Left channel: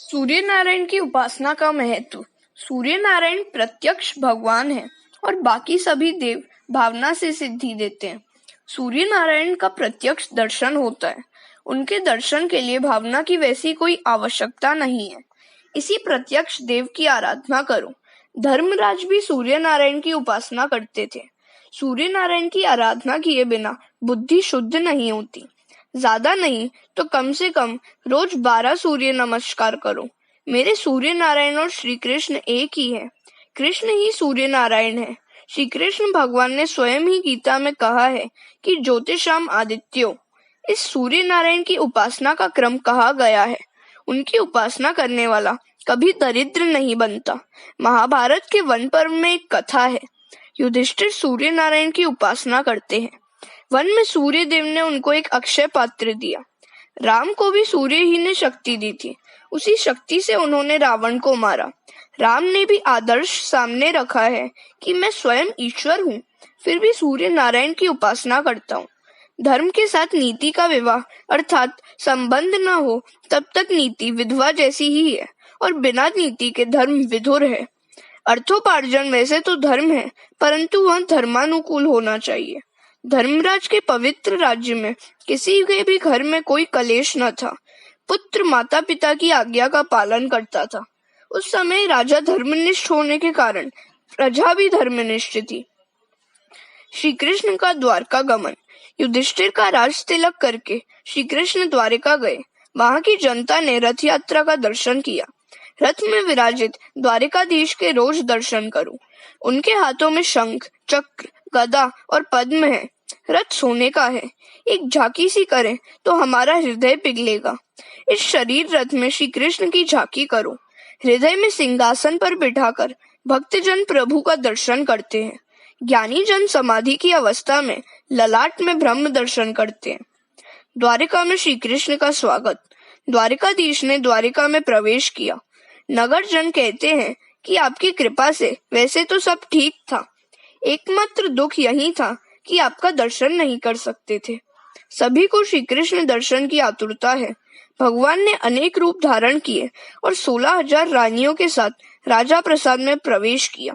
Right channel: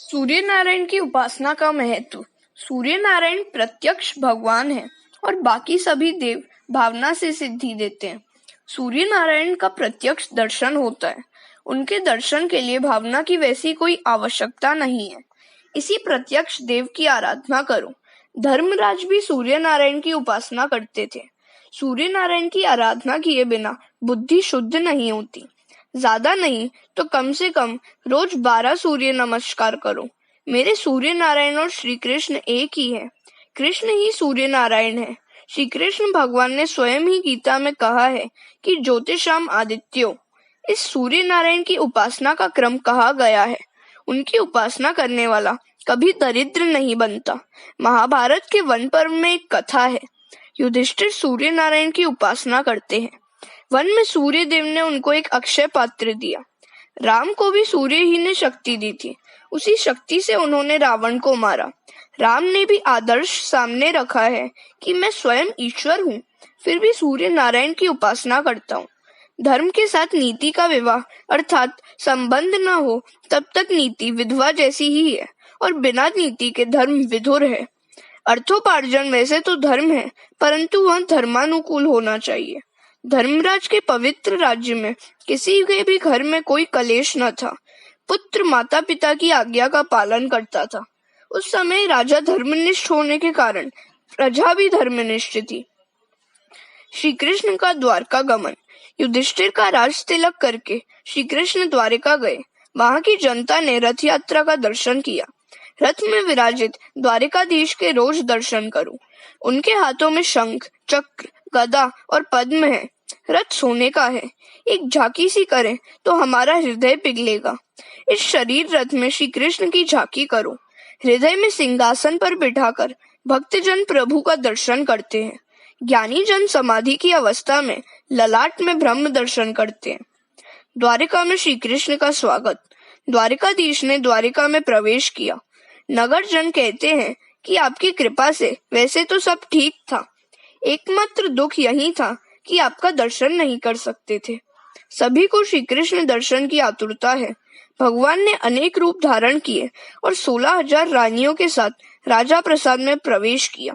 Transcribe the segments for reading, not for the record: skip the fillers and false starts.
सूर्य नारायण की उपासना का महत्व। सूर्य नारायण प्रत्यक्ष भगवान है और बाकी सभी देव भावना से सिद्धि देते हैं। सूर्य नारायण का प्रत्यक्ष दर्शन होता है। उनके दर्शन के लिए भावना की वैसी कोई आवश्यकता नहीं है। इसी प्रत्यक्ष देव की आराधना करो। धर्मराज भी सूर्य नारायण की उपासना करते थे। सूर्य नारायण की आराधना किए बिना बुद्धि शुद्ध नहीं होती। ज्यादा नहीं तो कम से कम रोज 12 सूर्य नमस्कार करो। मेरे सूर्य नारायण और श्री कृष्ण एक ही है। कृष्ण ही सूर्य नारायण है। श्री कृष्ण भगवान ने स्वयं ही गीता में कहा है कि ज्योतिषाम आदित्यो। इस सूर्य नारायण की उपासना का क्रम कहा गया है। उनकी उपासना करने वाला कभी दरिद्र नहीं बनता। महाभारत के वन पर्व में एक कथा है। युधिष्ठिर सूर्य नारायण की उपासना करते हैं। वन में सूर्य देव ने उनको एक अक्षय पात्र दिया। राम को भी सूर्य ही ने शक्ति दी थी। उसी शक्ति से उन्होंने रावण को मारा। राम ने भी आदर्श सामने रखा है कि मैं स्वयं ईश्वर हूँ, फिर भी सूर्य नारायण की उपासना करता हूँ। धर्म के साथ नीति का विवाह अर्थात संबंध न हो तब तक नीति विधवा जैसी ही है और बिना नीति के धर्म विधुर है। अर्थोपार्जन वैसे तो धर्म है, परंतु वह धर्मानुकूल होना चाहिए। धर्मराज के पवित्र राज्य में किसी के भी घर में कोई कलेश न था। पुत्र माता पिता की आज्ञा का पालन करता था। उस समय राजा धर्मनिष्ठ होने के कारण प्रजा भी धर्मनिष्ठ थी। श्री कृष्ण का द्वारका गमन। युधिष्ठिर का राज तिलक करके श्री कृष्ण द्वारिका गए। वहां की जनता ने रथ यात्रा का दर्शन किया। रथ में विराजित द्वारिकाधीश के रोज दर्शन करो। उनके हाथों में शंख, चक्र, गदा और पद्म है। रथ सोने का है। एक झांकी सी करें तो हमारा हृदय पिघलेगा। इस शरीर रथ में श्री कृष्ण की झांकी करो। हृदय में सिंहासन पर बिठाकर भक्तजन प्रभु का दर्शन करते हैं। ज्ञानी जन समाधि की अवस्था में ललाट में ब्रह्म दर्शन करते हैं। द्वारिका में श्री कृष्ण का स्वागत। द्वारिकाधीश ने द्वारिका में प्रवेश किया। नगर जन कहते हैं कि आपकी कृपा से वैसे तो सब ठीक था, एकमात्र दुख यही था कि आपका दर्शन नहीं कर सकते थे। सभी को श्री कृष्ण दर्शन की आतुरता है। भगवान ने अनेक रूप धारण किए और 16,000 रानियों के साथ राजा प्रसाद में प्रवेश किया।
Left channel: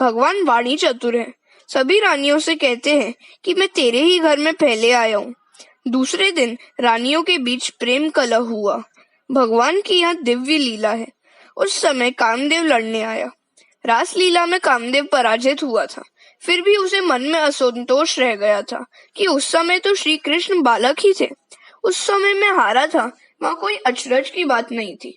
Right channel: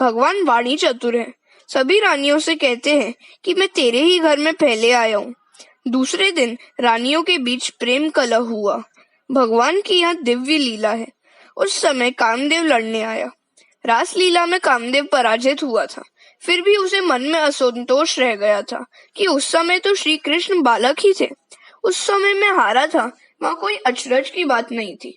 भगवान वाणी चतुर है। सभी रानियों से कहते हैं कि मैं तेरे ही घर में पहले आया हूँ। दूसरे दिन रानियों के बीच प्रेम कलह हुआ। भगवान की यह दिव्य लीला है। उस समय कामदेव लड़ने आया। रास लीला में कामदेव पराजित हुआ था। फिर भी उसे मन में असंतोष रह गया था कि उस समय तो श्री कृष्ण बालक ही थे। उस समय मैं हारा था, वहाँ कोई अचरज की बात नहीं थी।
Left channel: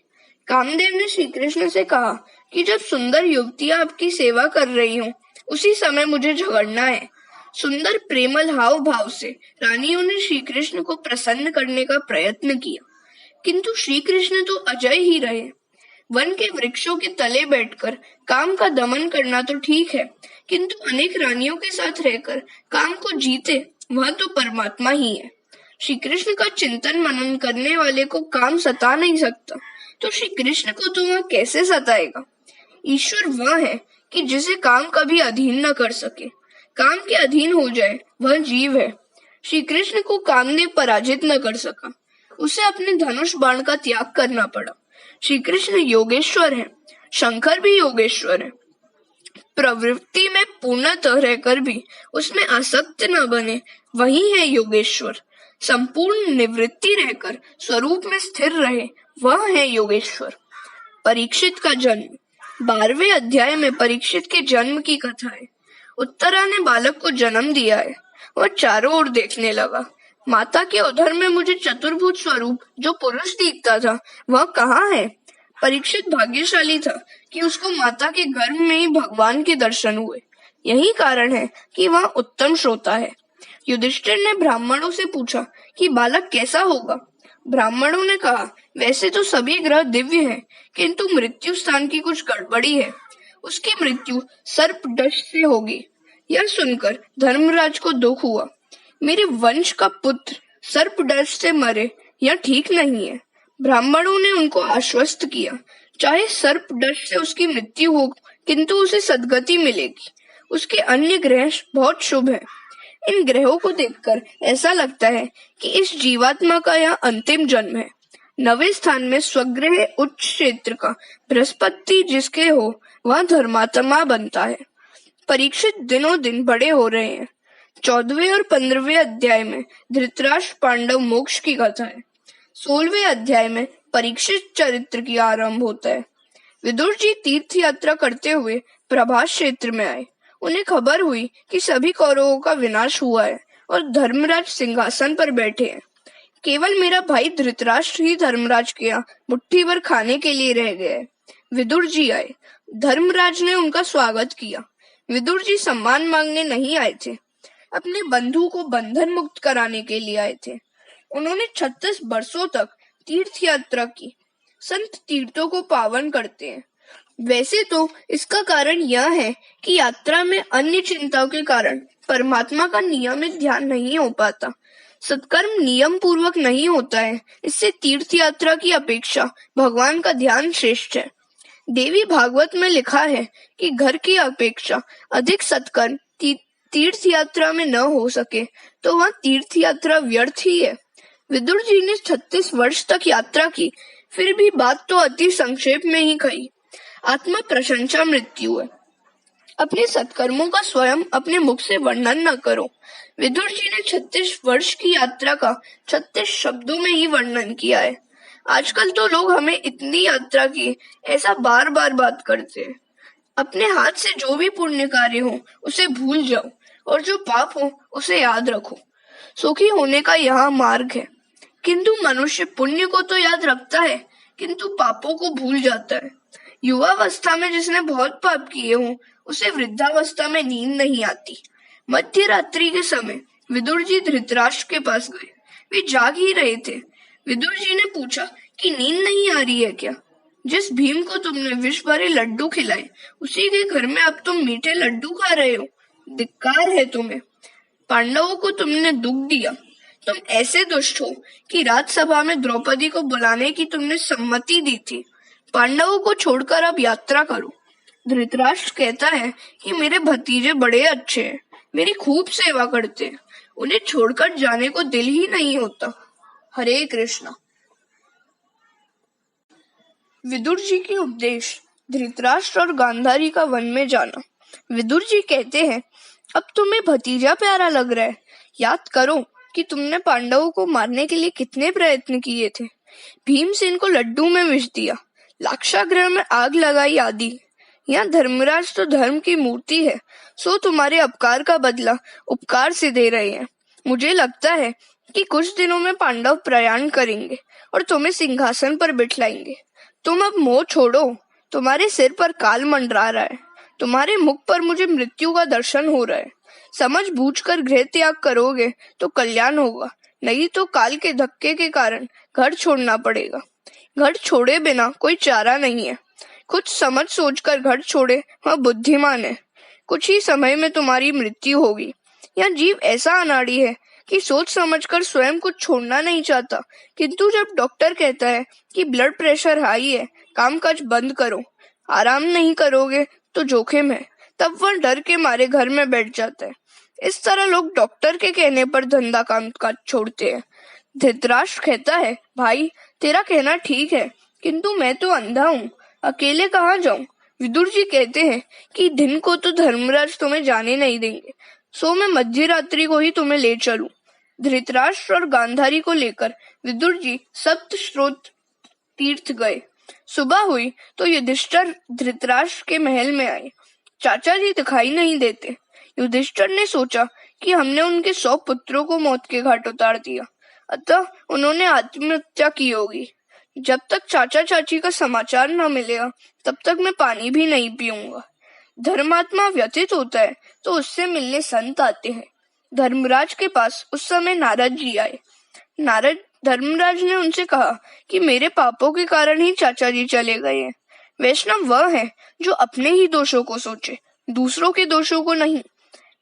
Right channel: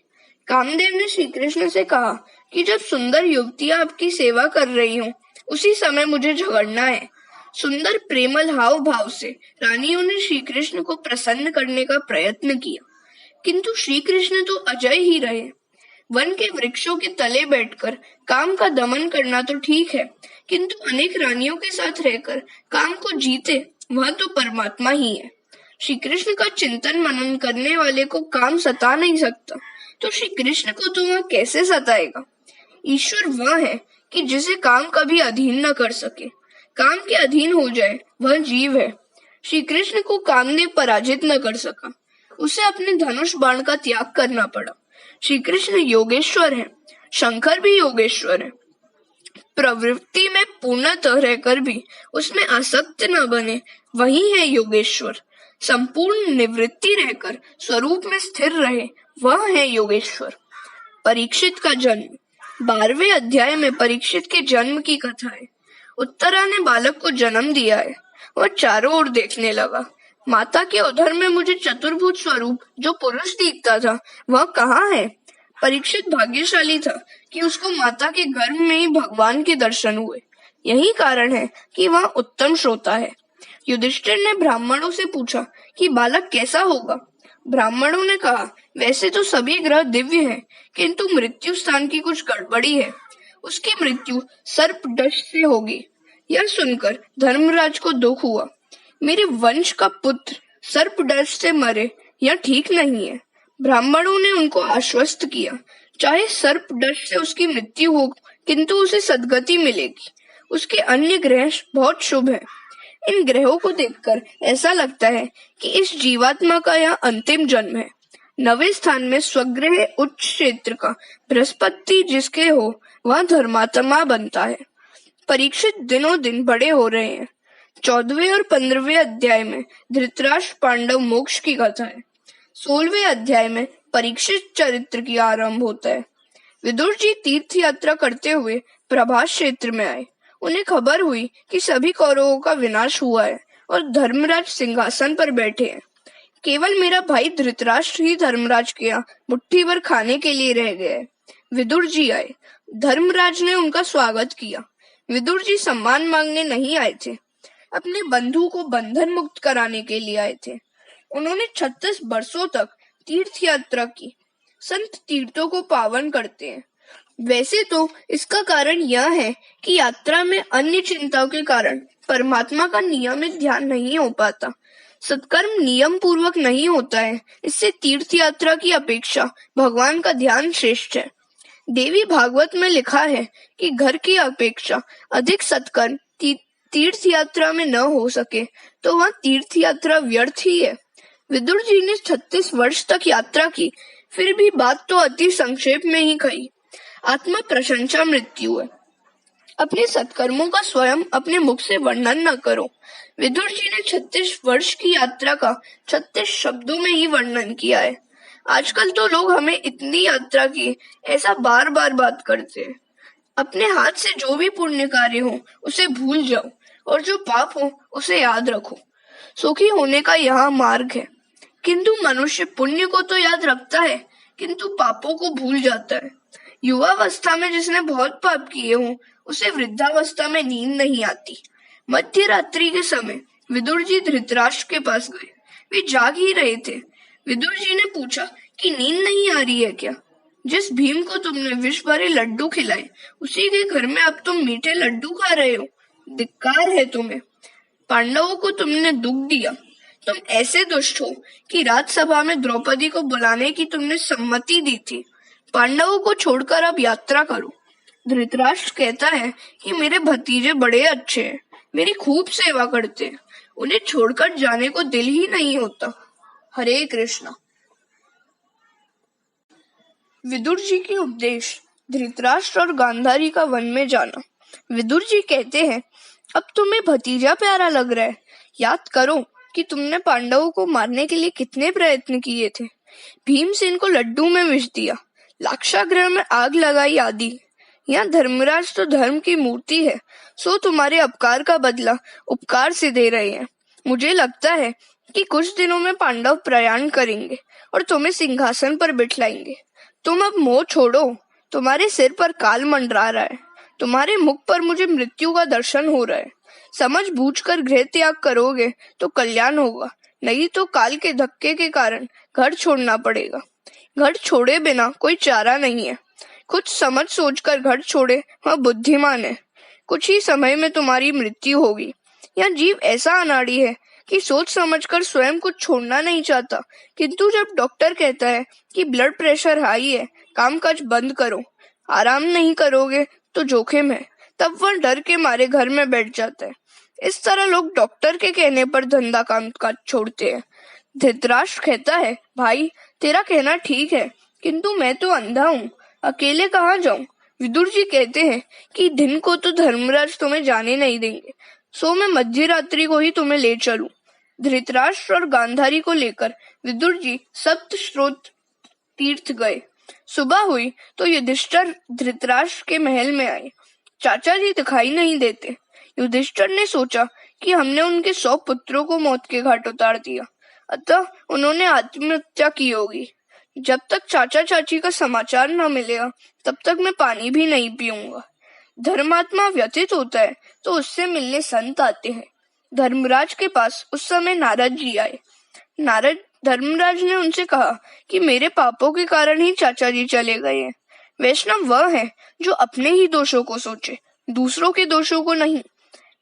कामदेव ने श्री कृष्ण से कहा कि जब सुंदर युवतियां आपकी सेवा कर रही हूँ, उसी समय मुझे झगड़ना है। सुंदर प्रेमल हाव भाव से रानियों ने श्री कृष्ण को प्रसन्न करने का प्रयत्न किया, किंतु श्री कृष्ण तो अजय ही रहे। वन के वृक्षों के तले बैठकर काम का दमन करना तो ठीक है, किंतु अनेक रानियों के साथ रहकर काम को जीते वह तो परमात्मा ही है। श्री कृष्ण का चिंतन मनन करने वाले को काम सता नहीं सकता, तो श्री कृष्ण को तो वह कैसे सताएगा। ईश्वर वह है कि जिसे काम कभी अधीन न कर सके। काम के अधीन हो जाए वह जीव है। श्री कृष्ण को कामदेव पराजित न कर सका। उसे अपने धनुष बाण का त्याग करना पड़ा। श्री कृष्ण योगेश्वर है। शंकर भी योगेश्वर है। प्रवृत्ति में पूर्णतः रहकर भी उसमें आसक्त न बने, वही है योगेश्वर। संपूर्ण निवृत्ति रहकर स्वरूप में स्थिर रहे, वह है योगेश्वर। परीक्षित का जन्म। 12वें अध्याय में परीक्षित के जन्म की कथा है। उत्तरा ने बालक को जन्म दिया है। वह चारों ओर देखने लगा। माता के उदर में मुझे चतुर्भुज स्वरूप जो पुरुष दिखता था, वह कहाँ है? परीक्षित भाग्यशाली था कि उसको माता के गर्भ में ही भगवान के दर्शन हुए। यही कारण है कि वह उत्तम श्रोता है। युधिष्ठिर ने ब्राह्मणों से पूछा कि बालक कैसा होगा। ब्राह्मणों ने कहा, वैसे तो सभी ग्रह दिव्य हैं, किंतु मृत्यु स्थान की कुछ गड़बड़ी है। उसकी मृत्यु सर्प दंश से होगी। यह सुनकर धर्मराज को दुख हुआ। मेरे वंश का पुत्र सर्प दंश से मरे, यह ठीक नहीं है। ब्राह्मणों ने उनको आश्वस्त किया, चाहे सर्प दंश से उसकी मृत्यु हो, किंतु उसे सद्गति मिलेगी। उसके अन्य ग्रह बहुत शुभ है। इन ग्रहों को देखकर ऐसा लगता है कि इस जीवात्मा का यह अंतिम जन्म है। नवे स्थान में स्वगृह उच्च क्षेत्र का बृहस्पति जिसके हो वह धर्मात्मा बनता है। परीक्षित दिनों दिन बड़े हो रहे हैं। 14वें और 15वें अध्याय में धृतराष्ट्र पांडव मोक्ष की कथा है। 16वें अध्याय में परीक्षित चरित्र की आरंभ होता है। विदुर जी तीर्थ यात्रा करते हुए प्रभास क्षेत्र में आए। उन्हें खबर हुई कि सभी कौरवों का विनाश हुआ है और धर्मराज सिंहासन पर बैठे हैं। केवल मेरा भाई धृतराष्ट्र ही धर्मराज के यहाँ मुट्ठी भर खाने के लिए रह गए। विदुर जी आए। धर्मराज ने उनका स्वागत किया। विदुर जी सम्मान मांगने नहीं आए थे, अपने बंधु को बंधन मुक्त कराने के लिए आए थे। उन्होंने 36 वर्षों तक तीर्थ यात्रा की। संत तीर्थों को पावन करते हैं। वैसे तो इसका कारण यह है कि यात्रा में अन्य चिंताओं के कारण परमात्मा का नियमित ध्यान नहीं हो पाता। सत्कर्म नियम पूर्वक नहीं होता है, इससे तीर्थ यात्रा की अपेक्षा भगवान का ध्यान श्रेष्ठ है। देवी भागवत में लिखा है कि घर की अपेक्षा अधिक सत्कर्म तीर्थ यात्रा में न हो सके तो वह तीर्थ यात्रा व्यर्थ ही है। विदुर जी ने 36 वर्ष तक यात्रा की, फिर भी बात तो अति संक्षेप में ही कही। आत्मा प्रशंसा मृत्यु है। अपने सत्कर्मों का स्वयं अपने मुख से वर्णन न करो। विदुर जी ने 36 वर्ष की यात्रा का 36 शब्दों में ही वर्णन किया है। आजकल तो लोग हमें इतनी यात्रा की ऐसा बार बार बात करते हैं। अपने हाथ से जो भी पुण्य कार्य हो उसे भूल जाओ और जो पाप हो उसे याद रखो। सुखी होने का यह मार्ग है। किंतु मनुष्य पुण्य को तो याद रखता है किंतु पापों को भूल जाता है। युवावस्था में जिसने बहुत पाप किए हों उसे वृद्धावस्था में नींद नहीं आती। मध्य रात्रि के समय विदुर जी धृतराष्ट्र के पास गए। वे जाग ही रहे थे। विदुर जी ने पूछा कि नींद नहीं आ रही है क्या? जिस भीम को तुमने विष भरे लड्डू खिलाए उसी के घर में अब तुम मीठे लड्डू खा रहे हो। धिक्कार है तुम्हें। पांडवों को तुमने दुख दिया। तुम ऐसे दुष्ट हो कि राजसभा में द्रौपदी को बुलाने की तुमने सम्मति दी थी। पांडवों को छोड़कर अब यात्रा करो। धृतराष्ट्र कहता है कि मेरे भतीजे बड़े अच्छे हैं, मेरी खूब सेवा करते हैं, उन्हें छोड़कर जाने को दिल ही नहीं होता। हरे कृष्णा। विदुर जी के उपदेश। धृतराष्ट्र और गांधारी का वन में जाना। विदुर जी कहते हैं, अब तुम्हें भतीजा प्यारा लग रहा है। याद करो कि तुमने पांडवों को मारने के लिए कितने प्रयत्न किए थे। भीमसेन को लड्डू में विष दिया, लाक्षागृह में आग लगाई आदि। यहाँ धर्मराज तो धर्म की मूर्ति है, सो तुम्हारे अपकार का बदला उपकार से दे रहे हैं। मुझे लगता है कि कुछ दिनों में पांडव प्रयाण करेंगे और तुम्हें सिंहासन पर बिठाएंगे। तुम अब मोह छोड़ो। तुम्हारे सिर पर काल मंडरा रहा है। तुम्हारे मुख पर मुझे मृत्यु का दर्शन हो रहा है। समझ बूझकर गृह त्याग करोगे तो कल्याण होगा, नहीं तो काल के धक्के के कारण घर छोड़ना पड़ेगा। घर छोड़े बिना कोई चारा नहीं है। कुछ समझ सोचकर घर छोड़े वह बुद्धिमान है। कुछ ही समय में तुम्हारी मृत्यु होगी। यह जीव ऐसा अनाड़ी है कि सोच समझकर स्वयं कुछ छोड़ना नहीं चाहता, किंतु जब डॉक्टर कहता है कि ब्लड प्रेशर हाई है, कामकाज बंद करो, आराम नहीं करोगे तो जोखिम है, तब वह डर के मारे घर में बैठ जाता है। इस तरह लोग डॉक्टर के कहने पर धंधा कामकाज छोड़ते हैं। धृतराष्ट्र कहता है, भाई तेरा कहना ठीक है, किंतु मैं तो अंधा हूँ, अकेले कहाँ जाऊँ? विदुर जी कहते हैं कि दिन को तो धर्मराज तुम्हें जाने नहीं देंगे, सो मैं मध्य रात्रि को ही तुम्हें ले चलूं। धृतराष्ट्र और गांधारी को लेकर विदुर जी सप्त स्रोत तीर्थ गए। सुबह हुई तो युधिष्ठिर धृतराष्ट्र के महल में आए। चाचा जी दिखाई नहीं देते। युधिष्ठिर ने सोचा कि हमने उनके 100 पुत्रों को मौत के घाट उतार दिया, अतः उन्होंने आत्महत्या की होगी। जब तक चाचा चाची का समाचार न मिलेगा तब तक मैं पानी भी नहीं पीऊंगा। धर्मात्मा व्यथित होता है तो उससे मिलने संत आते हैं। धर्मराज के पास उस समय नारद जी आए। धर्मराज ने उनसे कहा कि मेरे पापों के कारण ही चाचा जी चले गए हैं। वैष्णव वह है जो अपने ही दोषों को सोचे, दूसरों के दोषों को नहीं।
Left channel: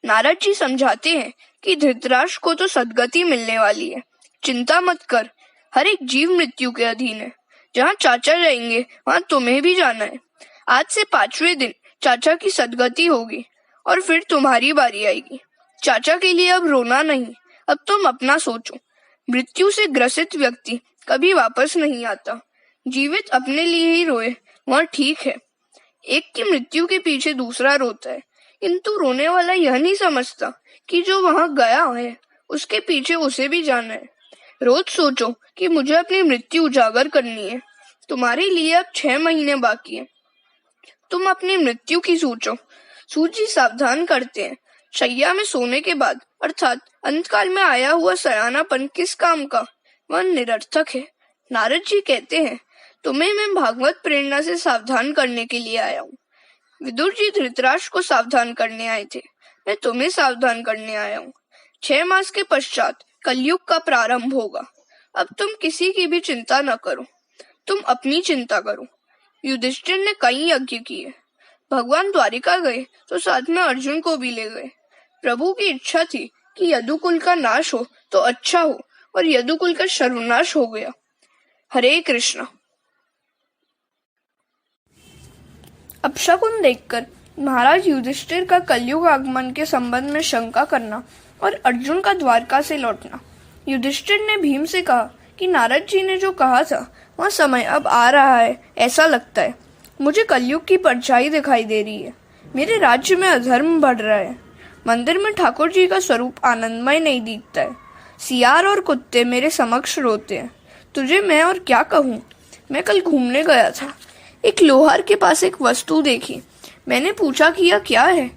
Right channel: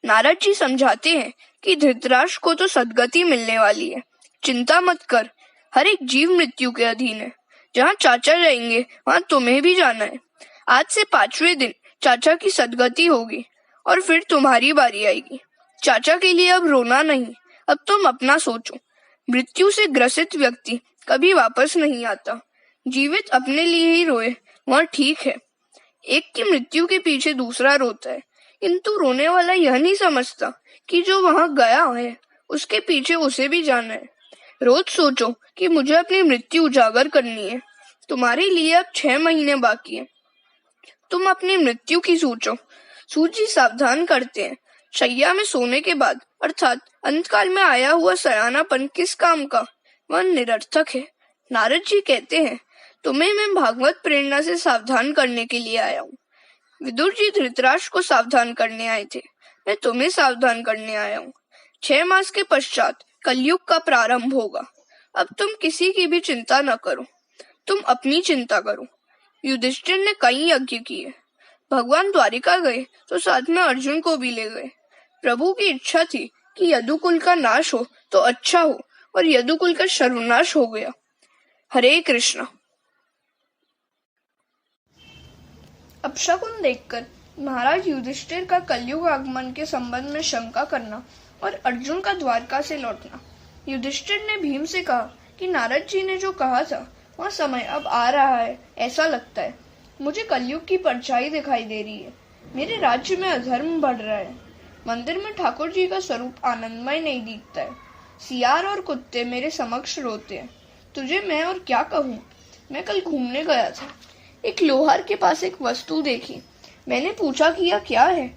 नारद जी समझाते हैं कि धृतराष्ट्र को तो सद्गति मिलने वाली है, चिंता मत कर। हर एक जीव मृत्यु के अधीन है। जहाँ चाचा जाएंगे वहाँ तुम्हें भी जाना है। आज से 5वें दिन चाचा की सद्गति होगी और फिर तुम्हारी बारी आएगी। चाचा के लिए अब रोना नहीं, अब तुम अपना सोचो। मृत्यु से ग्रसित व्यक्ति कभी वापस नहीं आता। जीवित अपने लिए ही रोए वह ठीक है। एक की मृत्यु के पीछे दूसरा रोता है, किंतु रोने वाला यह नहीं समझता कि जो वहां गया है उसके पीछे उसे भी जाना है। रोज सोचो कि मुझे अपनी मृत्यु उजागर करनी है। तुम्हारे लिए अब 6 महीने बाकी है। तुम अपनी मृत्यु की सोचो। सूर्य सावधान करते हैं, शैया में सोने के बाद अर्थात अंतकाल में आया हुआ सयानापन किस काम का, वह निरर्थक है। नारद जी कहते हैं, तुम्हें मैं भागवत प्रेरणा से सावधान करने के लिए आया हूँ। विदुर जी धृतराष्ट्र को सावधान करने आए थे, मैं तुम्हें सावधान करने आया हूँ। 6 मास के पश्चात कलयुग का प्रारंभ होगा। अब तुम किसी की भी चिंता न करो, तुम अपनी चिंता करो। युधिष्ठिर ने कई यज्ञ किए। भगवान द्वारिका गए तो साथ में अर्जुन को भी ले गए। प्रभु की इच्छा थी कि यदुकुल का नाश हो तो अच्छा हो, और यदुकुल का सर्वनाश हो गया। हरे कृष्ण। अपशकुन देखकर महाराज युधिष्ठिर का कलयुग आगमन के संबंध में शंका करना और अर्जुन का द्वारका से लौटना। युधिष्ठिर ने भीम से कहा कि नारद जी ने जो कहा था वह समय अब आ रहा है, ऐसा लगता है। मुझे कलयुग की परछाई दिखाई दे रही है। मेरे राज्य में अधर्म बढ़ रहा है। मंदिर में ठाकुर जी का स्वरूप आनंदमय नहीं दिखता है। सियार और कुत्ते मेरे समक्ष रोते हैं। तुझे मैं और क्या कहूँ। मैं कल घूमने गया था, एक लोहार के पास एक वस्तु देखी। मैंने पूछा कि यह क्या है,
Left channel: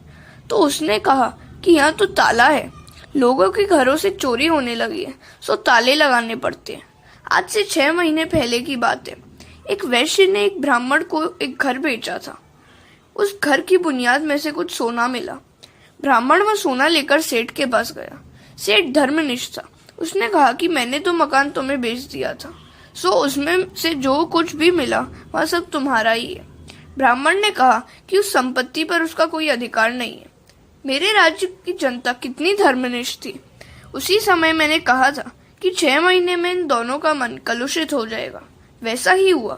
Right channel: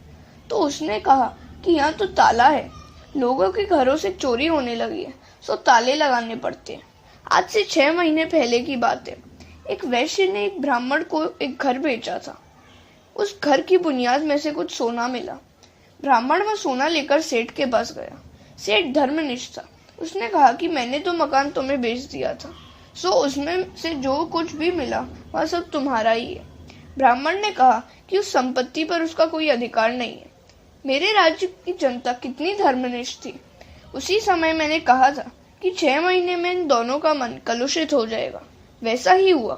तो उसने कहा कि यहाँ तो ताला है। लोगों के घरों से चोरी होने लगी है, सो ताले लगाने पड़ते हैं। आज से 6 महीने पहले की बात है। एक वैश्य ने एक ब्राह्मण को एक घर बेचा था। उस घर की बुनियाद में से कुछ सोना मिला। ब्राह्मण वह सोना लेकर सेठ के पास गया। सेठ धर्मनिष्ठ था। उसने कहा कि मैंने तो मकान तुम्हें बेच दिया था, सो उसमें से जो कुछ भी मिला वह सब तुम्हारा ही है। ब्राह्मण ने कहा कि उस संपत्ति पर उसका कोई अधिकार नहीं है। मेरे राज्य की जनता कितनी धर्मनिष्ठ थी। उसी समय मैंने कहा था कि 6 महीने में इन दोनों का मन कलुषित हो जाएगा। वैसा ही हुआ।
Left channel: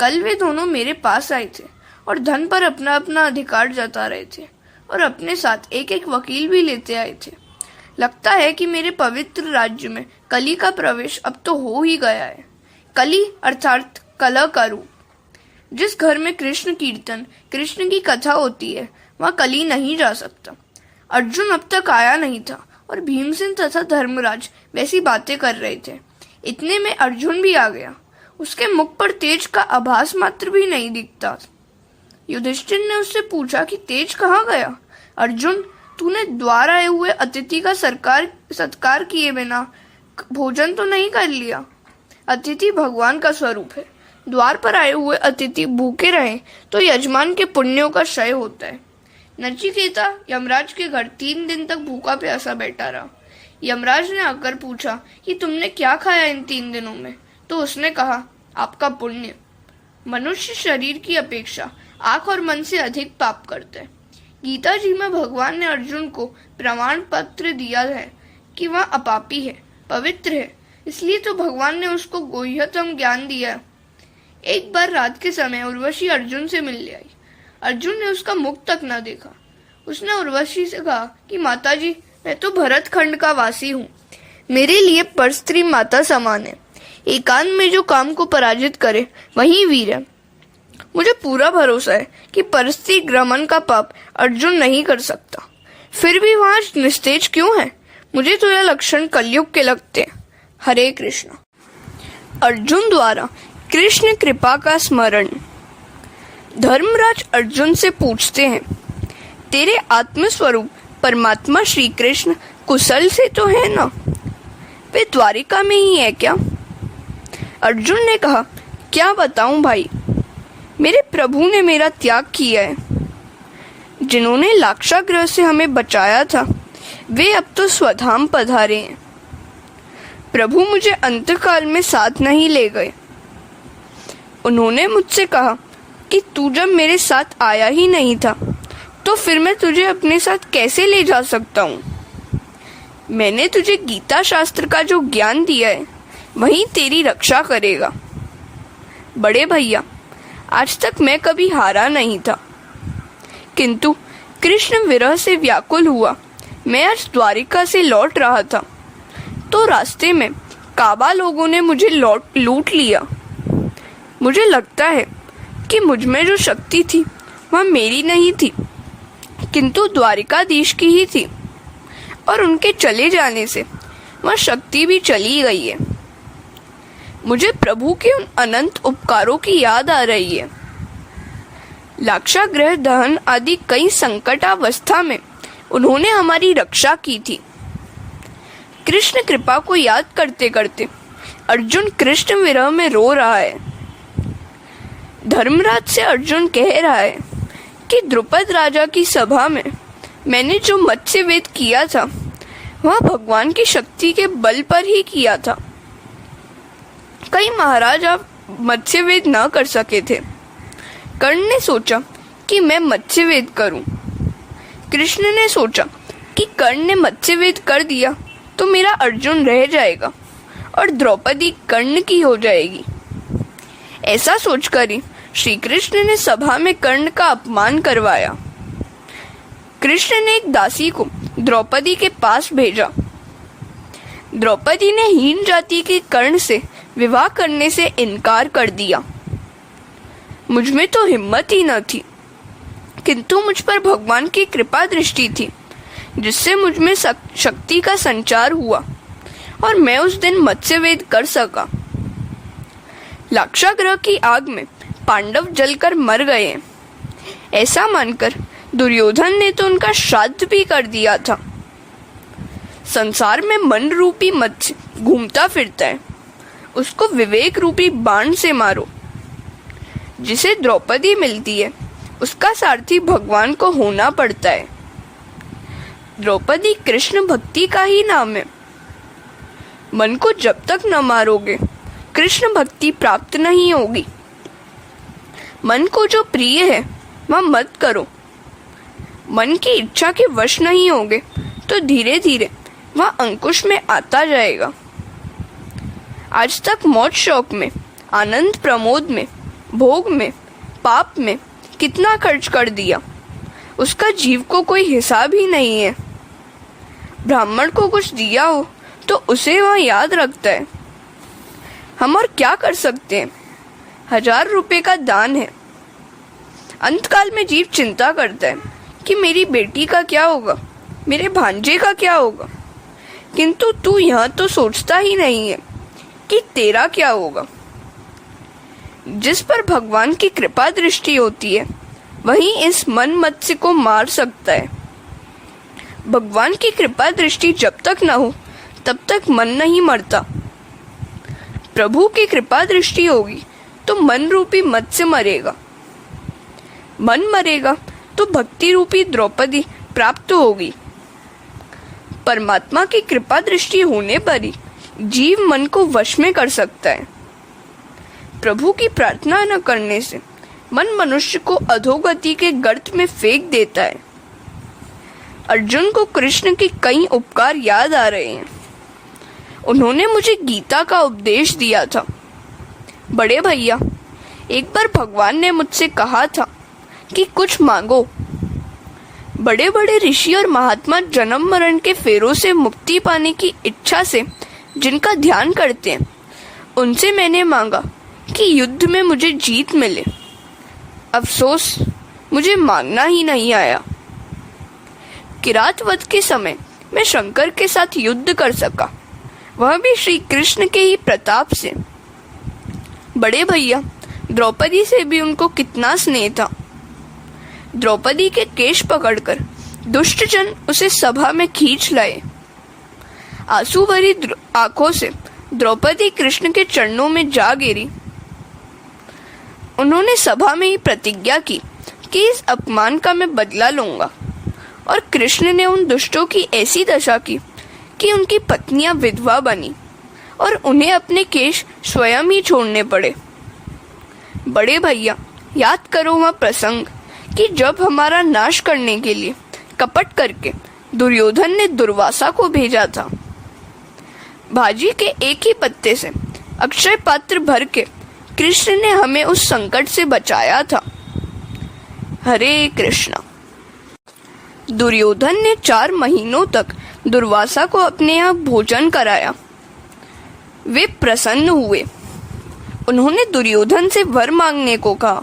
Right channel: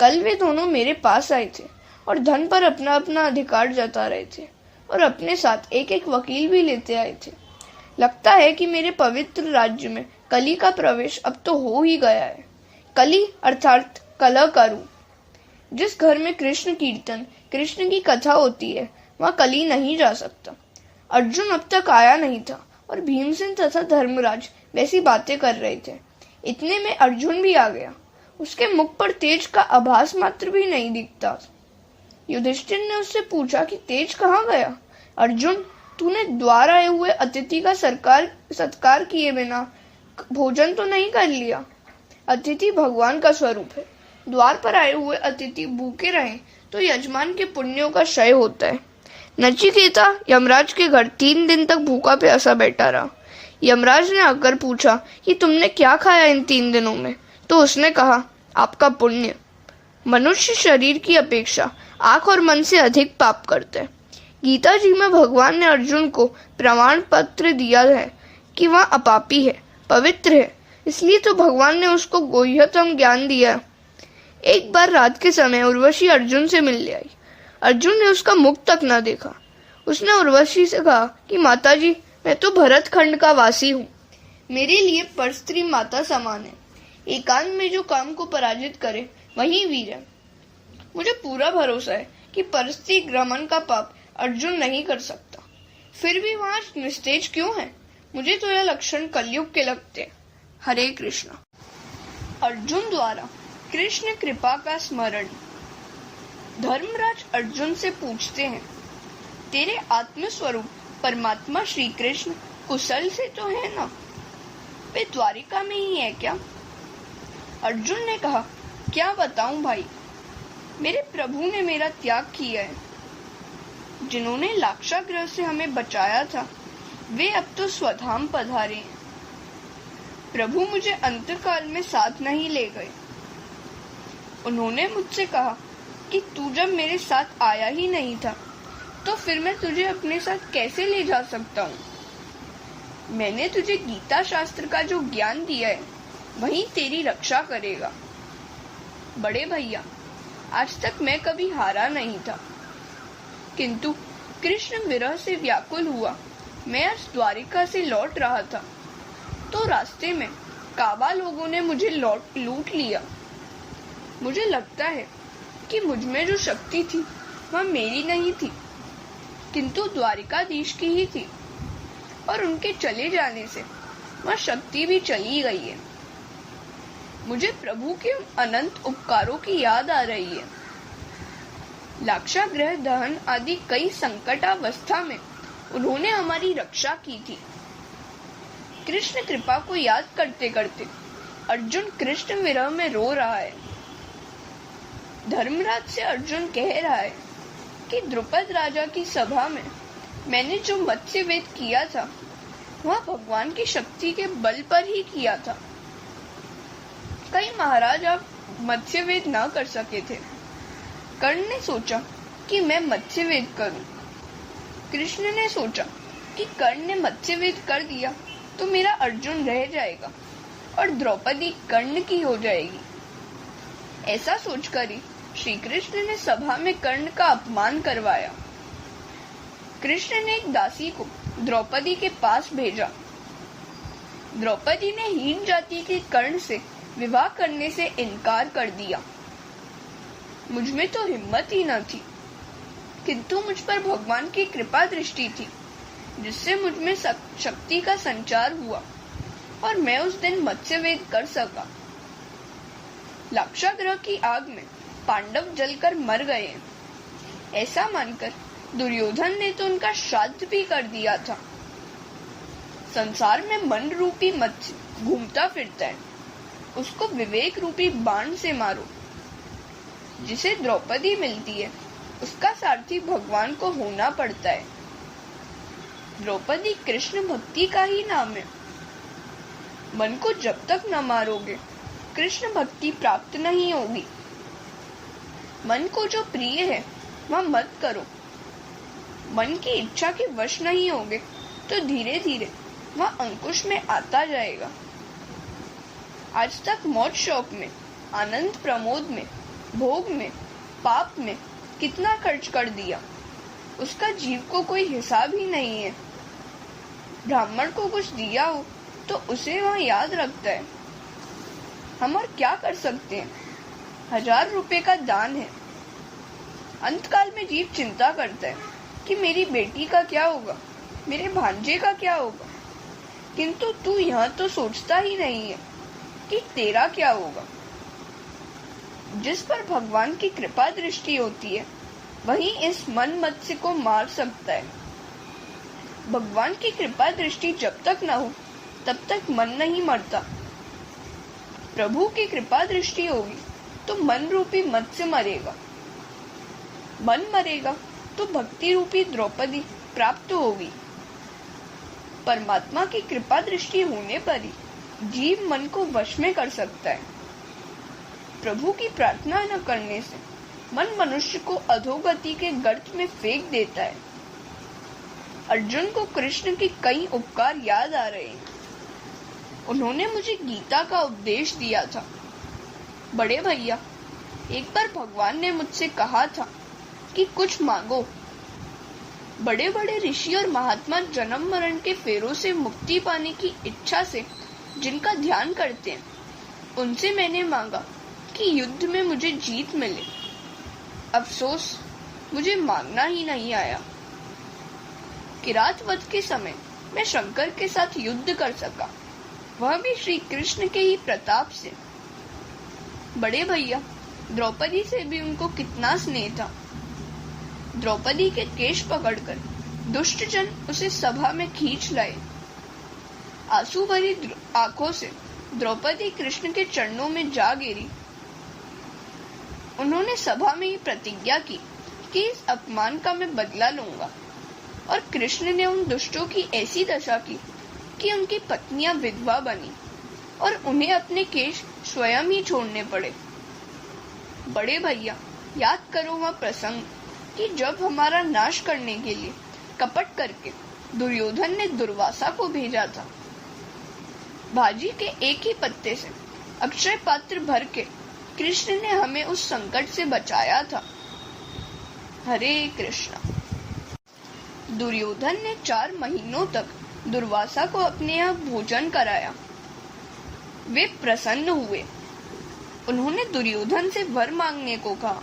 कल वे दोनों मेरे पास आए थे और धन पर अपना अपना अधिकार जता रहे थे, और अपने साथ एक एक वकील भी लेते आए थे। लगता है कि मेरे पवित्र राज्य में कली का प्रवेश अब तो हो ही गया है। कली अर्थात कलह का रूप। जिस घर में कृष्ण कीर्तन, कृष्ण की कथा होती है, वहाँ कली नहीं जा सकता। अर्जुन अब तक आया नहीं था और भीमसेन तथा धर्मराज वैसी बातें कर रहे थे। इतने में अर्जुन भी आ गया। उसके मुख पर तेज का आभास मात्र भी नहीं दिखता। युधिष्ठिर ने उससे पूछा कि तेज कहाँ गया। अर्जुन, तूने द्वार आए हुए अतिथि का सत्कार किए बिना भोजन तो नहीं कर लिया। अतिथि भगवान का स्वरूप है। द्वार पर आए हुए अतिथि भूखे रहे तो यजमान के पुण्यों का क्षय होता है। नचिकेता यमराज के घर 3 दिन तक भूखा प्यासा बैठा रहा। यमराज ने आकर पूछा कि तुमने क्या खाया इन 3 दिनों में, तो उसने कहा, आपका पुण्य। मनुष्य शरीर की अपेक्षा आंख और मन से अधिक पाप करता है। गीता जी में भगवान ने अर्जुन को प्रमाण पत्र दिया है कि वह अपापी है, पवित्र है। इसलिए तो भगवान ने उसको गुह्यतम ज्ञान दिया। एक बार रात के समय उर्वशी अर्जुन से मिलने आई। अर्जुन ने उसका मुख तक न देखा। उसने उर्वशी से कहा कि माताजी, मैं तो भरत खंड का वासी हूँ। मेरे लिए परस्त्री माता समान है। एकांत में जो काम को पराजित करे वही वीर है। मुझे पूरा भरोसा है कि परस्त्री ग्रमण का पाप अर्जुन नहीं कर सकता। फिर भी वहाँ निस्तेज क्यों है? मुझे तो यह लक्षण कलयुग के लगते हैं। हरे कृष्ण। अर्जुन द्वारा कृष्ण कृपा का स्मरण। धर्मराज अर्जुन से पूछते हैं, तेरे आत्मस्वरूप परमात्मा श्री कृष्ण कुशल से तो है ना? वे द्वारिका में ही है क्या? अर्जुन ने कहा, क्या बताऊं भाई, मेरे प्रभु ने मेरा त्याग किया है। जिन्होंने लाक्षागृह से हमें बचाया था वे अब तो स्वधाम पधारे हैं। प्रभु मुझे अंतकाल में साथ नहीं ले गए। उन्होंने मुझसे कहा कि तू जब मेरे साथ आया ही नहीं था तो फिर मैं तुझे अपने साथ कैसे ले जा सकता हूँ। मैंने तुझे गीता शास्त्र का जो ज्ञान दिया है वही तेरी रक्षा करेगा। बड़े भैया, आज तक मैं कभी हारा नहीं था, किंतु कृष्ण विरह से व्याकुल हुआ। मैं आज द्वारिका से लौट रहा था तो रास्ते में काबा लोगों ने मुझे लूट लिया। मुझे लगता है कि मुझ में जो शक्ति थी वह मेरी नहीं थी, किंतु द्वारिकाधीश की ही थी, और उनके चले जाने से वह शक्ति भी चली गई है। मुझे प्रभु के उन अनंत उपकारों की याद आ रही है। लाक्षागृह दहन आदि कई संकटावस्था में उन्होंने हमारी रक्षा की थी। कृष्ण कृपा को याद करते करते अर्जुन कृष्ण विरह में रो रहा है। धर्मराज से अर्जुन कह रहा है कि द्रुपद राजा की सभा में मैंने जो मत्स्य वेद किया था वह भगवान की शक्ति के बल पर ही किया था। कई महाराजा मत्स्य वेद न कर सके थे। कर्ण ने सोचा कि मैं मत्स्य वेद करूं। कृष्ण ने सोचा कि कर्ण ने मत्स्य वेद कर दिया तो मेरा अर्जुन रह जाएगा और द्रौपदी कर्ण की हो जाएगी। ऐसा सोचकर ही श्री कृष्ण ने सभा में कर्ण का अपमान करवाया। कृष्ण ने एक दासी को द्रौपदी के पास भेजा। द्रौपदी ने हीन जाति के कर्ण से विवाह करने से इनकार कर दिया। मुझ में तो हिम्मत ही न थी, किंतु मुझ पर भगवान की कृपा दृष्टि थी, जिससे मुझ में शक्ति का संचार हुआ और मैं उस दिन मत्स्य वेद कर सका। लाक्षागृह की आग में पांडव जलकर मर गए। ऐसा मानकर दुर्योधन ने तो उनका श्राद्ध भी कर दिया था। संसार में मन रूपी मत्स्य घूमता फिरता है, उसको विवेक रूपी बाण से मारो। जिसे द्रौपदी मिलती है उसका सारथी भगवान को होना पड़ता है। द्रौपदी कृष्ण भक्ति का ही नाम है। मन को जब तक न मारोगे कृष्ण भक्ति प्राप्त नहीं होगी। मन को जो प्रिय है वह मत करो। मन की इच्छा के वश नहीं होगे तो धीरे धीरे वह अंकुश में आता जाएगा। आज तक मौज शौक में, आनंद प्रमोद में, भोग में, पाप में कितना खर्च कर दिया, उसका जीव को कोई हिसाब ही नहीं है। ब्राह्मण को कुछ दिया हो तो उसे वह याद रखता है। हम और क्या कर सकते हैं? 1000 रुपए का दान है। अंतकाल में जीव चिंता करता है कि मेरी बेटी का क्या होगा, मेरे भांजे का क्या होगा, किंतु तू यह तो सोचता ही नहीं है कि तेरा क्या होगा। जिस पर भगवान की कृपा दृष्टि होती है वही इस मन मत्स्य को मार सकता है। भगवान की कृपा दृष्टि जब तक न हो तब तक मन नहीं मरता। प्रभु की कृपा दृष्टि होगी तो मन रूपी मत्स्य मरेगा। मन मरेगा तो भक्ति रूपी द्रौपदी प्राप्त होगी। परमात्मा की कृपा दृष्टि होने पर ही जीव मन को वश में कर सकता है। प्रभु की प्रार्थना न करने से मन मनुष्य को अधोगति के गर्त में फेंक देता है। अर्जुन को कृष्ण के कई उपकार याद आ रहे हैं। उन्होंने मुझे गीता का उपदेश दिया था। बड़े भैया, एक बार भगवान ने मुझसे कहा था कि कुछ मांगो। बड़े बड़े ऋषि और महात्मा जन्म मरण के फेरों से मुक्ति पाने की इच्छा से जिनका ध्यान करते हैं, उनसे मैंने मांगा कि युद्ध में मुझे जीत मिले। अफसोस, मुझे मांगना ही नहीं आया। किरात वध के समय मैं शंकर के साथ युद्ध कर सका, वह भी श्री कृष्ण के ही प्रताप से। बड़े भैया, द्रौपदी से भी उनको कितना स्नेह था। द्रौपदी के केश पकड़कर दुष्टजन उसे सभा में खींच लाए। आंसू भरी आंखों से द्रौपदी कृष्ण के चरणों में जा गिरी। उन्होंने सभा में ही प्रतिज्ञा की कि इस अपमान का मैं बदला लूंगा, और कृष्ण ने उन दुष्टों की ऐसी दशा की कि उनकी पत्नियां विधवा बनी और उन्हें अपने केश स्वयं ही छोड़ने पड़े। बड़े भैया, याद करो वह प्रसंग कि जब हमारा नाश करने के लिए कपट करके दुर्योधन ने दुर्वासा को भेजा था। भाजी के एक ही पत्ते से अक्षय पात्र भर के कृष्ण ने हमें उस संकट से बचाया था। हरे कृष्णा। दुर्योधन ने 4 महीनों तक दुर्वासा को अपने यहाँ भोजन कराया। वे प्रसन्न हुए। उन्होंने दुर्योधन से वर मांगने को कहा।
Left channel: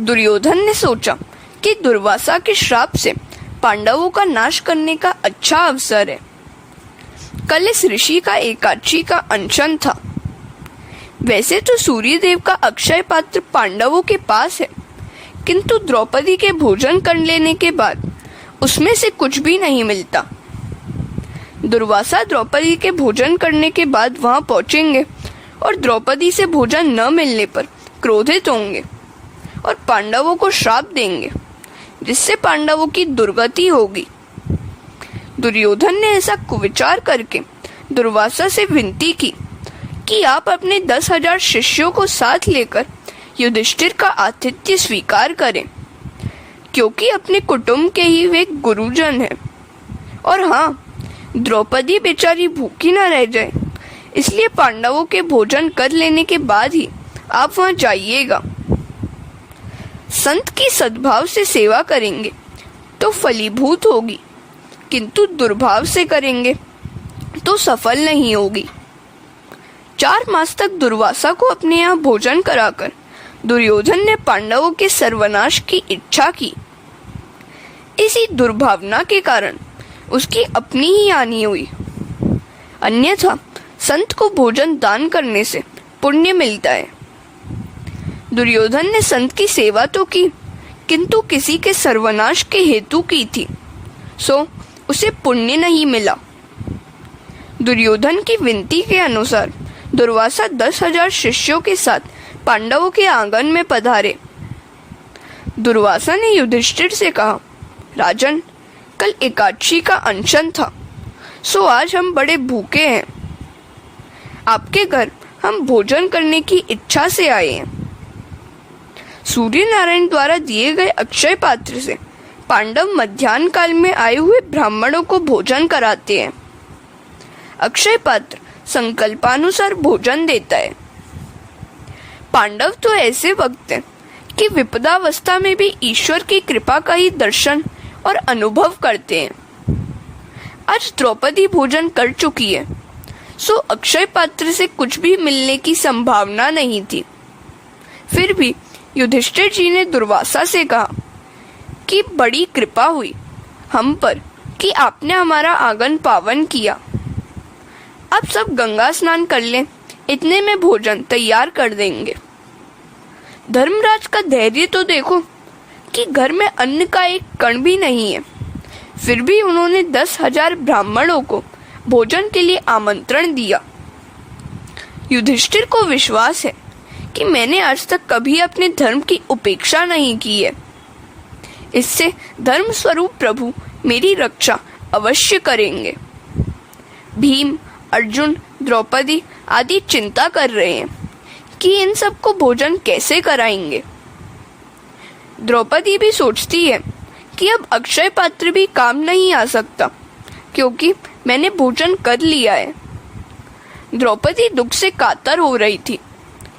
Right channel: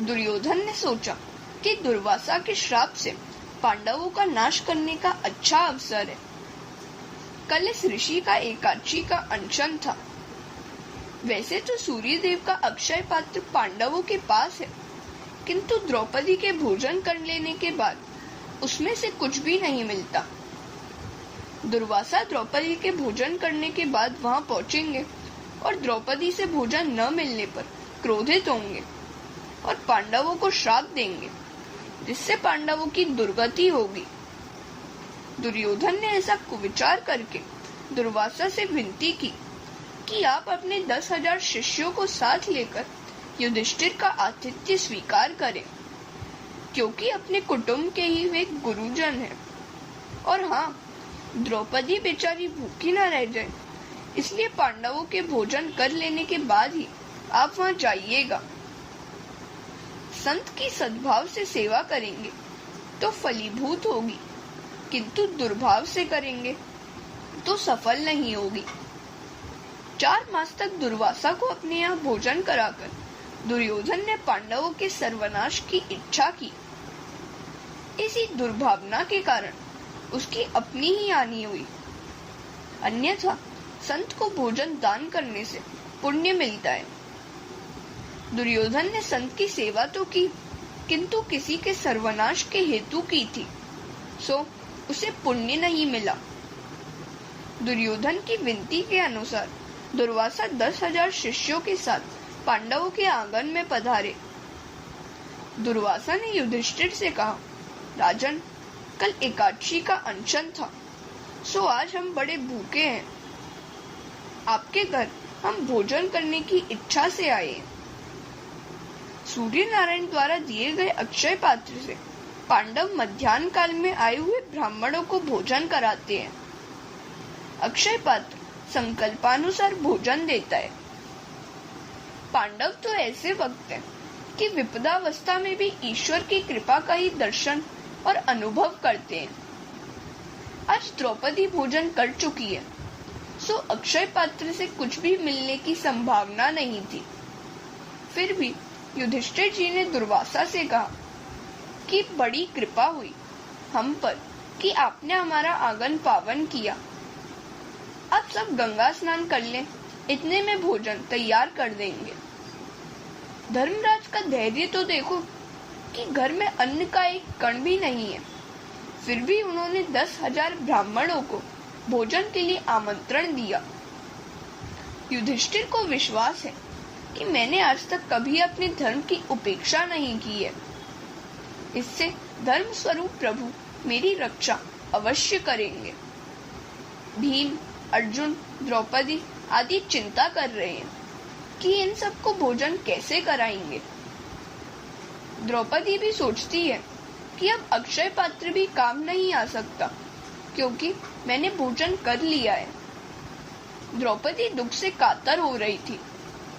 दुर्योधन ने सोचा कि दुर्वासा के श्राप से पांडवों का नाश करने का अच्छा अवसर है। कल इस ऋषि का एकादशी का अनशन था। वैसे तो सूर्यदेव का अक्षय पात्र पांडवों के पास है, किंतु द्रौपदी के भोजन कर लेने के बाद उसमें से कुछ भी नहीं मिलता। दुर्वासा द्रौपदी के भोजन करने के बाद वहां पहुंचेंगे और द्रौपदी से भोजन न मिलने पर क्रोधित होंगे और पांडवों को श्राप देंगे, जिससे पांडवों की दुर्गति होगी। दुर्योधन ने ऐसा कुविचार करके दुर्वासा से विनती की कि आप अपने 10,000 शिष्यों को साथ लेकर युधिष्ठिर का आतिथ्य स्वीकार करें, क्योंकि अपने कुटुंब के ही वे गुरुजन हैं। और हाँ, द्रौपदी बेचारी भूखी न रह जाए, इसलिए पांडवों के भोजन कर लेने के बाद ही आप वहां जाइएगा। संत की सद्भाव से सेवा करेंगे तो फलीभूत होगी, किंतु दुर्भाव से करेंगे तो सफल नहीं होगी। 4 मास तक दुर्वासा को अपने यहाँ भोजन कराकर दुर्योधन ने पांडवों के सर्वनाश की इच्छा की। इसी दुर्भावना के कारण उसकी अपनी ही हानि हुई। अन्यथा संत को भोजन दान करने से पुण्य मिलता है। दुर्योधन ने संत की सेवा तो की, किंतु किसी के सर्वनाश के हेतु की थी, सो उसे पुण्य नहीं मिला। दुर्योधन की विनती के अनुसार दुर्वासा 10,000 शिष्यों के साथ पांडवों के आंगन में पधारे। दुर्वासा ने युधिष्ठिर से कहा, राजन, कल एकादशी का अनशन था, सो आज हम बड़े भूखे हैं। आपके घर हम भोजन करने की इच्छा से आए हैं। सूर्य नारायण द्वारा दिए गए अक्षय पात्र से पांडव मध्याह्न काल में आए हुए ब्राह्मणों को भोजन कराते हैं। अक्षय पात्र संकल्पानुसार भोजन देता है। पांडव तो ऐसे वक्त हैं कि विपदावस्था में भी ईश्वर की कृपा का ही दर्शन और अनुभव करते हैं। आज द्रौपदी भोजन कर चुकी है, सो अक्षय पात्र से कुछ भी मिलने की संभावना नहीं थी। फिर भी युधिष्ठिर जी ने दुर्वासा से कहा कि बड़ी कृपा हुई हम पर कि आपने हमारा आंगन पावन किया। अब सब गंगा स्नान कर लें, इतने में भोजन तैयार कर देंगे। धर्मराज का धैर्य तो देखो कि घर में अन्न का एक कण भी नहीं है, फिर भी उन्होंने 10,000 ब्राह्मणों को भोजन के लिए आमंत्रण दिया। युधिष्ठिर को विश्वास है कि मैंने आज तक कभी अपने धर्म की उपेक्षा नहीं की है। इससे धर्म स्वरूप प्रभु मेरी रक्षा अवश्य करेंगे। भीम, अर्जुन, द्रौपदी आदि चिंता कर रहे हैं कि इन सबको भोजन कैसे कराएंगे। द्रौपदी भी सोचती है कि अब अक्षय पात्र भी काम नहीं आ सकता, क्योंकि मैंने भोजन कर लिया है। द्रौपदी दुख से कातर हो रही थी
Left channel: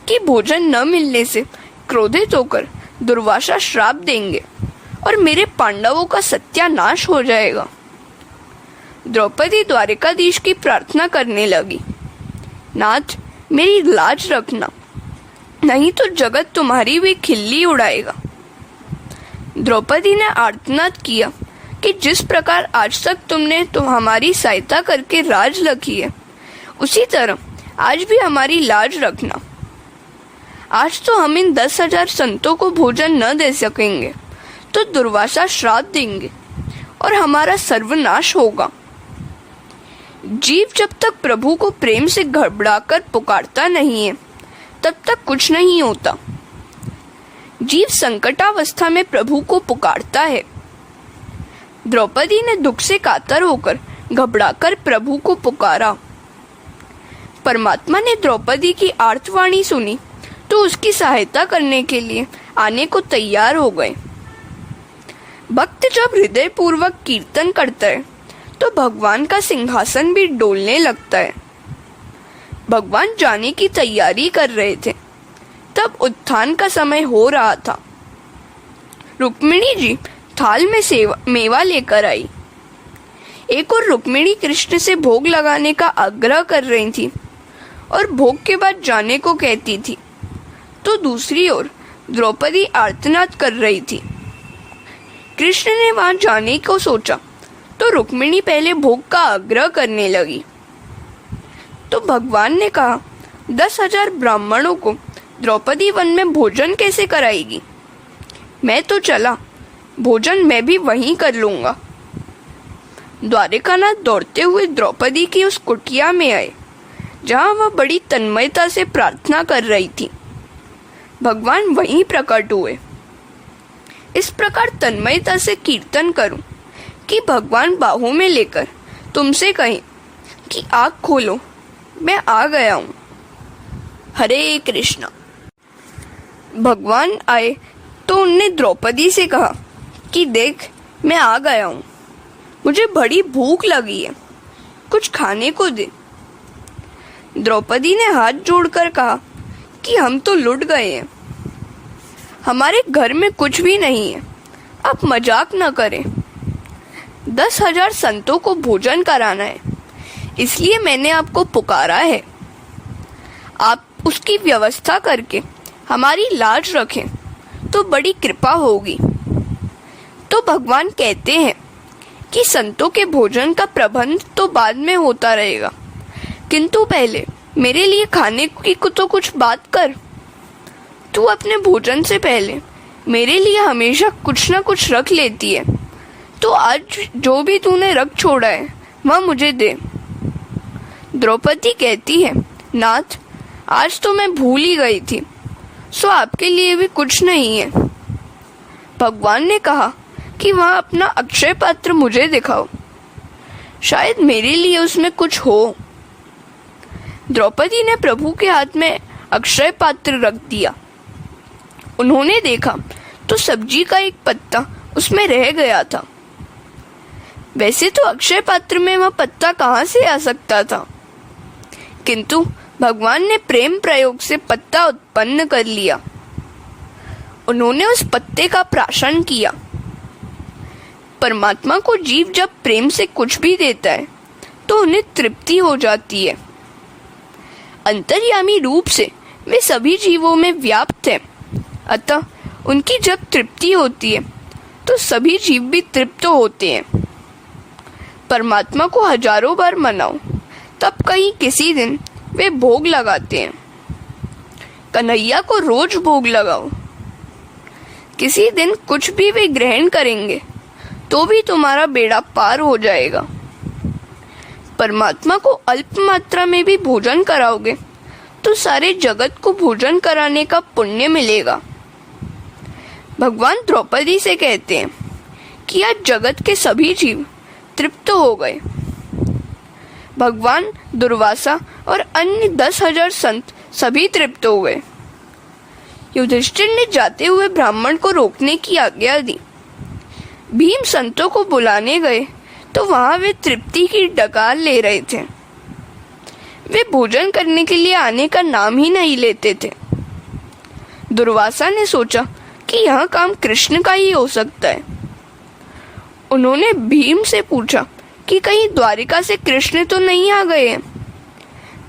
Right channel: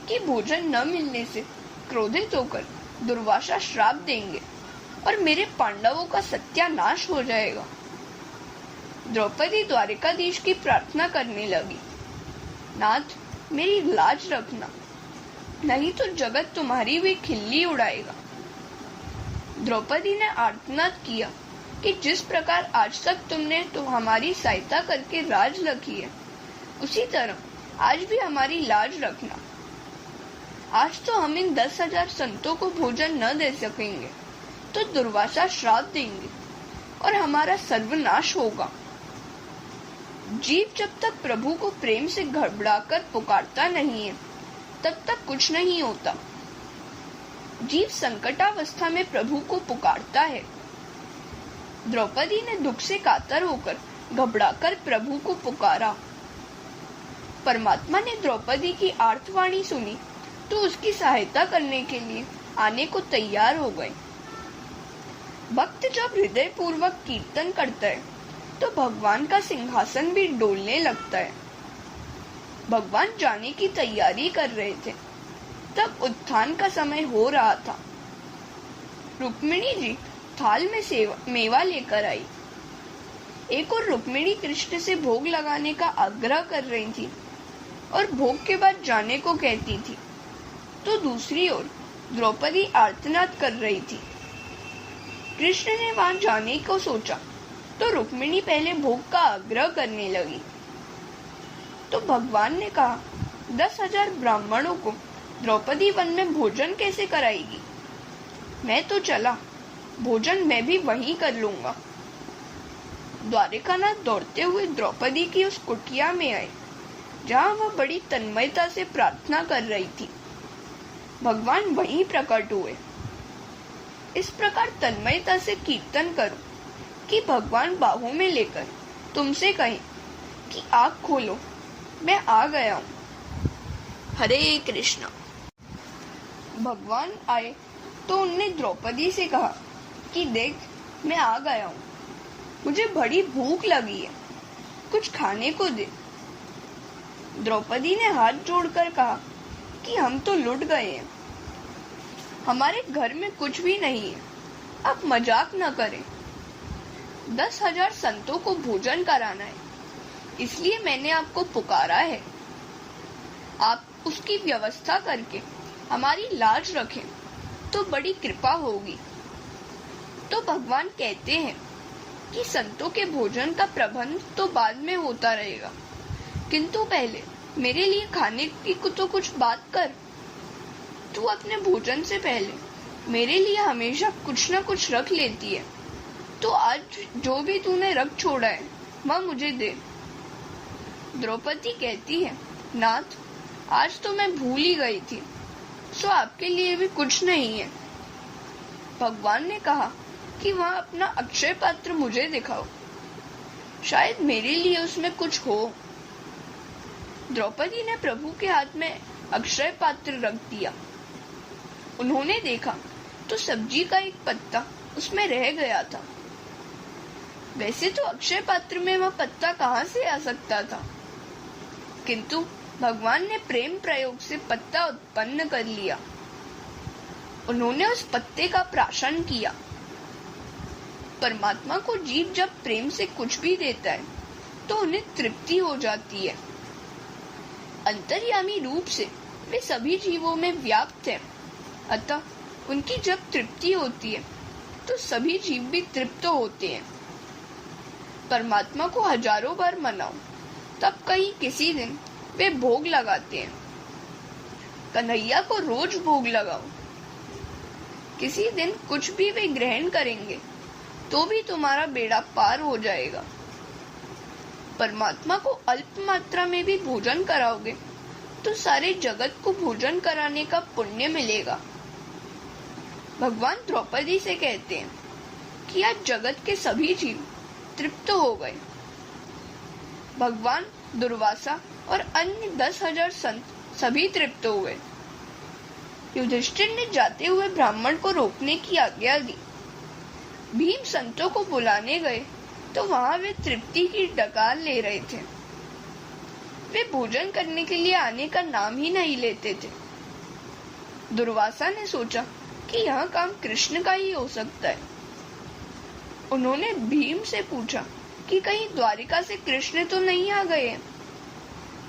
कि भोजन न मिलने से क्रोधित होकर दुर्वासा श्राप देंगे और मेरे पांडवों का सत्यानाश हो जाएगा। द्रौपदी द्वारिकाधीश की प्रार्थना करने लगी, नाथ, मेरी लाज रखना, नहीं तो जगत तुम्हारी भी खिल्ली उड़ाएगा। द्रौपदी ने आर्तनाद किया कि जिस प्रकार आज तक तुमने तो हमारी सहायता करके राज रखी है, उसी तरह आज भी हमारी लाज रखना। आज तो हम इन 10,000 संतों को भोजन न दे सकेंगे तो दुर्वासा श्राप देंगे और हमारा सर्वनाश होगा। जीव जब तक प्रभु को प्रेम से घबराकर पुकारता नहीं है, तब तक कुछ नहीं होता। जीव संकटावस्था में प्रभु को पुकारता है। द्रौपदी ने दुख से कातर होकर घबराकर प्रभु को पुकारा। परमात्मा ने द्रौपदी की आर्तवाणी सुनी तो उसकी सहायता करने के लिए आने को तैयार हो गए। भक्त जब हृदय पूर्वक कीर्तन करता है तो भगवान का सिंहासन भी डोलने लगता है। भगवान जाने की तैयारी कर रहे थे, तब उत्थान का समय हो रहा था। रुक्मिणी जी थाल में मेवा लेकर आई। एक और रुक्मिणी कृष्ण से भोग लगाने का आग्रह कर रही थी, और भोग के बाद जाने को कहती थी, तो दूसरी ओर द्रौपदी आर्तनाद कर रही थी। कृष्ण ने वहां जाने को सोचा तो रुक्मिणी पहले भोग का आग्रह करने लगी। तो भगवान ने कहा, 10,000 ब्राह्मणों को द्रौपदी वन में भोजन कैसे कराएगी? मैं तो चला, भोजन मैं भी वहीं कर लूंगा। द्वारिकानाथ दौड़ते हुए द्रौपदी की उस कुटिया में आए जहां वह बड़ी तन्मयता से प्रार्थना कर रही थी। भगवान वहीं प्रकट हुए। इस प्रकार तन्मयता से कीर्तन करूं कि भगवान बाहों में लेकर तुमसे कहें कि आँख खोलो, मैं आ गया हूँ। हरे कृष्णा। भगवान आए तो उनने द्रौपदी से कहा कि देख, मैं आ गया हूँ, मुझे बड़ी भूख लगी है, कुछ खाने को दे। द्रौपदी ने हाथ जोड़कर कहा कि हम तो लुट गए हैं, हमारे घर में कुछ भी नहीं है, आप मजाक न करें। 10,000 संतों को भोजन कराना है, इसलिए मैंने आपको पुकारा है। आप उसकी व्यवस्था करके हमारी लाज रखें तो बड़ी कृपा होगी। तो भगवान कहते हैं कि संतों के भोजन का प्रबंध तो बाद में होता रहेगा, किंतु पहले मेरे लिए खाने की तो कुछ बात कर। तू अपने भोजन से पहले मेरे लिए हमेशा कुछ न कुछ रख लेती है, तो आज जो भी तूने रख छोड़ा है वह मुझे दे। द्रौपदी कहती है, नाथ, आज तो मैं भूल ही गई थी, सो आपके लिए भी कुछ नहीं है। भगवान ने कहा कि वह अपना अक्षय पात्र मुझे दिखाओ, शायद मेरे लिए उसमें कुछ हो। द्रौपदी ने प्रभु के हाथ में अक्षय पात्र रख दिया। उन्होंने देखा तो सब्जी का एक पत्ता उसमें रह गया था। वैसे तो अक्षय पात्र में वह पत्ता कहाँ से आ सकता था, किंतु भगवान ने प्रेम प्रयोग से पत्ता उत्पन्न कर लिया। उन्होंने उस पत्ते का प्राशन किया। परमात्मा को जीव जब प्रेम से कुछ भी देता है तो उन्हें तृप्ति हो जाती है। अंतर्यामी रूप से वे सभी जीवों में व्याप्त हैं, अतः उनकी जब तृप्ति होती है तो सभी जीव भी तृप्त होते हैं। परमात्मा को हजारों बार मनाओ, तब कहीं किसी दिन वे भोग लगाते हैं। कन्हैया को रोज भोग लगाओ, किसी दिन कुछ भी वे ग्रहण करेंगे तो भी तुम्हारा बेड़ा पार हो जाएगा। परमात्मा को अल्प मात्रा में भी भोजन कराओगे तो सारे जगत को भोजन कराने का पुण्य मिलेगा। भगवान द्रौपदी से कहते हैं कि आज जगत के सभी जीव तृप्त हो गए। भगवान, दुर्वासा और अन्य 10,000 संत सभी तृप्त हो गए। युधिष्ठिर ने जाते हुए ब्राह्मण को रोकने की आज्ञा दी। भीम संतों को बुलाने गए तो वहां वे तृप्ति की डकार ले रहे थे। वे भोजन करने के लिए आने का नाम ही नहीं लेते थे। दुर्वासा ने सोचा कि यह काम कृष्ण का ही हो सकता है। उन्होंने भीम से पूछा कि कहीं द्वारिका से कृष्ण तो नहीं आ गए हैं।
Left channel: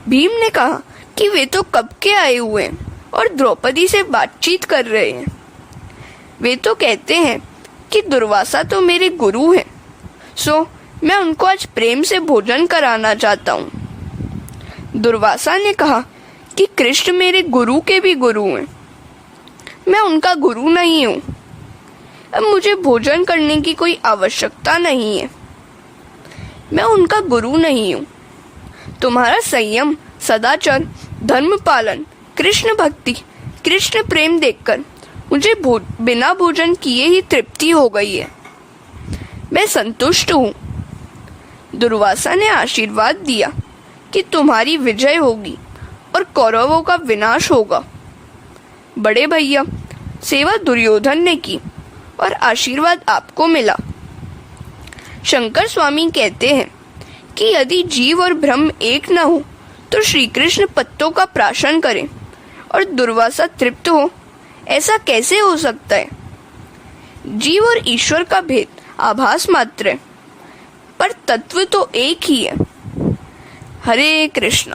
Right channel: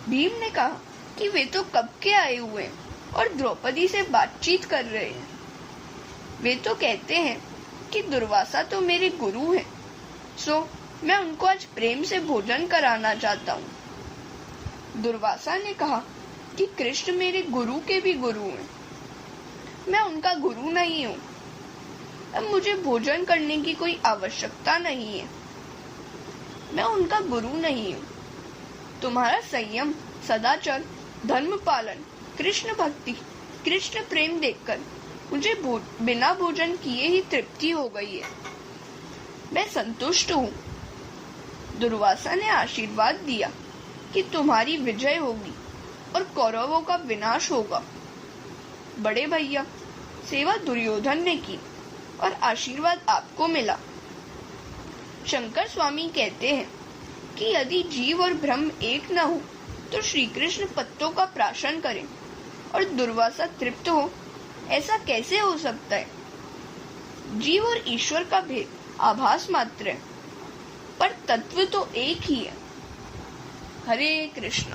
भीम ने कहा कि वे तो कब के आए हुए हैं और द्रौपदी से बातचीत कर रहे हैं। वे तो कहते हैं कि दुर्वासा तो मेरे गुरु हैं, सो मैं उनको आज प्रेम से भोजन कराना चाहता हूँ। दुर्वासा ने कहा कि कृष्ण मेरे गुरु के भी गुरु हैं, मैं उनका गुरु नहीं हूँ। अब मुझे भोजन करने की कोई आवश्यकता नहीं है, मैं उनका गुरु नहीं हूँ। तुम्हारा संयम, सदाचार, धर्म पालन, कृष्ण भक्ति, कृष्ण प्रेम देखकर मुझे बिना भोजन किए ही तृप्ति हो गई है, मैं संतुष्ट हूँ। दुर्वासा ने आशीर्वाद दिया कि तुम्हारी विजय होगी और कौरवों का विनाश होगा। बड़े भैया, सेवा दुर्योधन ने की और आशीर्वाद आपको मिला। शंकर स्वामी कहते हैं कि यदि जीव और ब्रह्म एक न हो तो श्री कृष्ण पत्तों का प्राशन करें और दुर्वासा तृप्त हो, ऐसा कैसे हो सकता है? जीव और ईश्वर का भेद आभास मात्र है, पर तत्व तो एक ही है। हरे कृष्ण।